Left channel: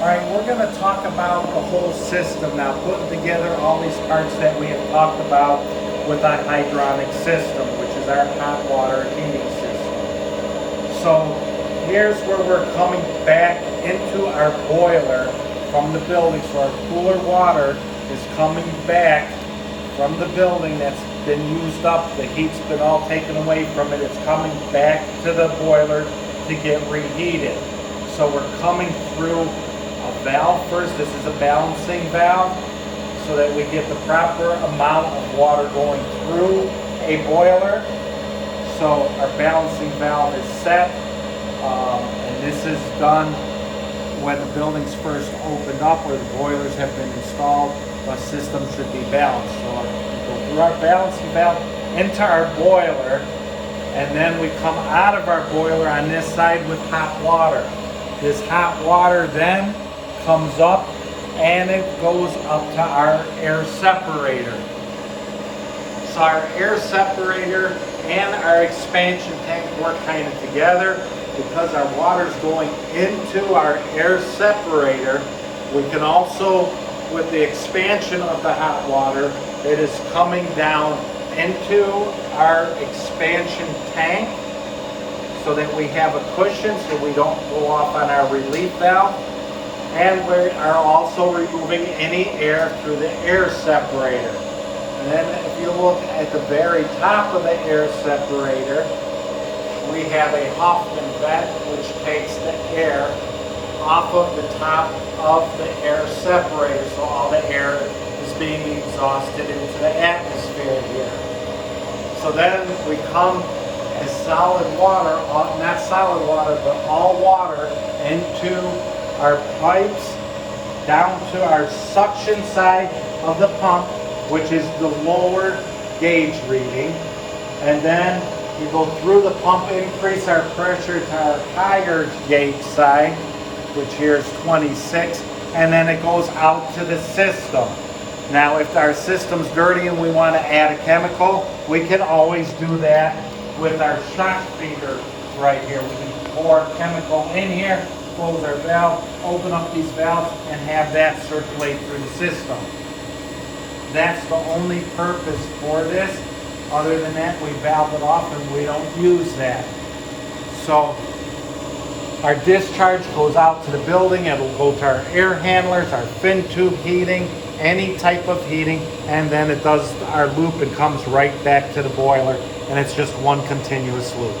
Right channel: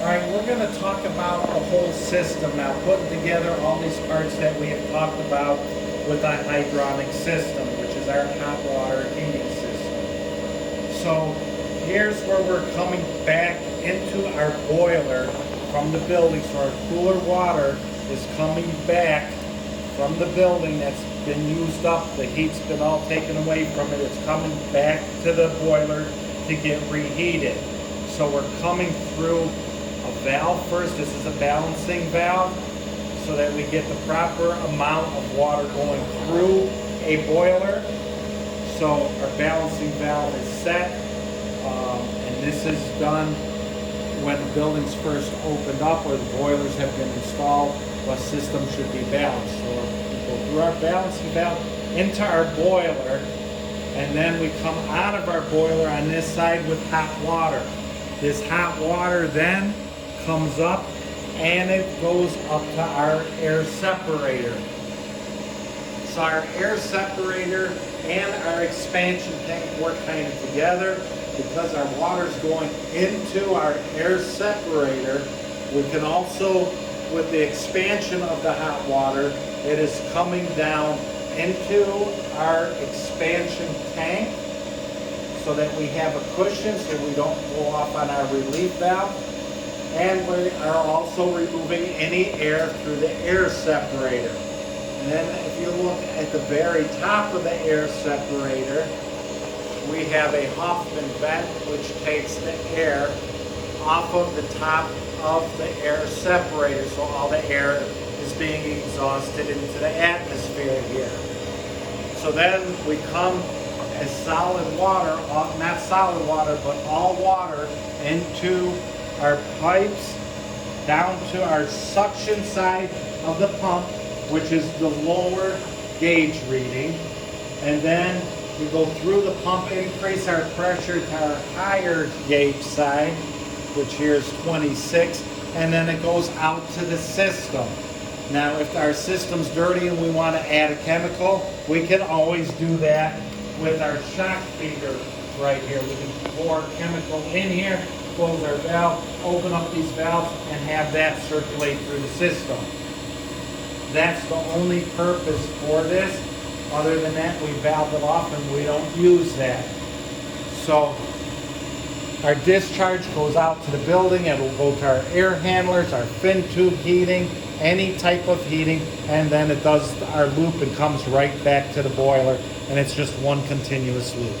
All right, we're going to talk about the whole system now, putting together all these parts that we have talked about with our hydronic system, which is our hot water heating system. So here's where we're coming back into our boiler from the building. So our cooler water is coming back from the building that's been used up. The heat's been all taken away from it. It's coming back to the boiler to get reheated. So we're coming through a valve first. This is a balancing valve so that we get the proper amount of water going through a boiler. So our balancing valve is set, and this is done when the building's first opened up or the boilers have been installed. The system should be balanced. So we go through our balancing valve into our boiler, and then we come out of our boiler on this side with hot water. This hot water then comes up and it goes up to our air separator. So our air separator and our expansion tank work kind of together. Because our water's going into our air separator, we can also, with the expansion of the hot water, it is coming down into our expansion tank so that we have a cushion so we don't go off on our relief valve. And we are also removing any air through the air separator. And then if you look at the very top of the air separator, we have a Hoffman vent which takes the air off of the top of the air separator, so all the air is being exhausted into the atmosphere here. So then we come as solid water, not solid water, but all water into our pipes down to our suction side of the pump, which is the lower gauge reading. And then we go through the pump, increase our pressure to our higher gauge side, which here is 26, and then it goes out to the system. Now, if our system's dirty and we want to add a chemical, we can always do that with our shock feeder right here. We can pour chemical in here, close our valve, open up these valves, and have that circulate through the system. That's the only purpose for this. Other than that, we valve it off and we don't use that. So our discharge goes out to the building. It'll go to our air handlers, our fin tube heating, any type of heating, and then it does our loop and comes right back to the boiler, and it's just one continuous loop.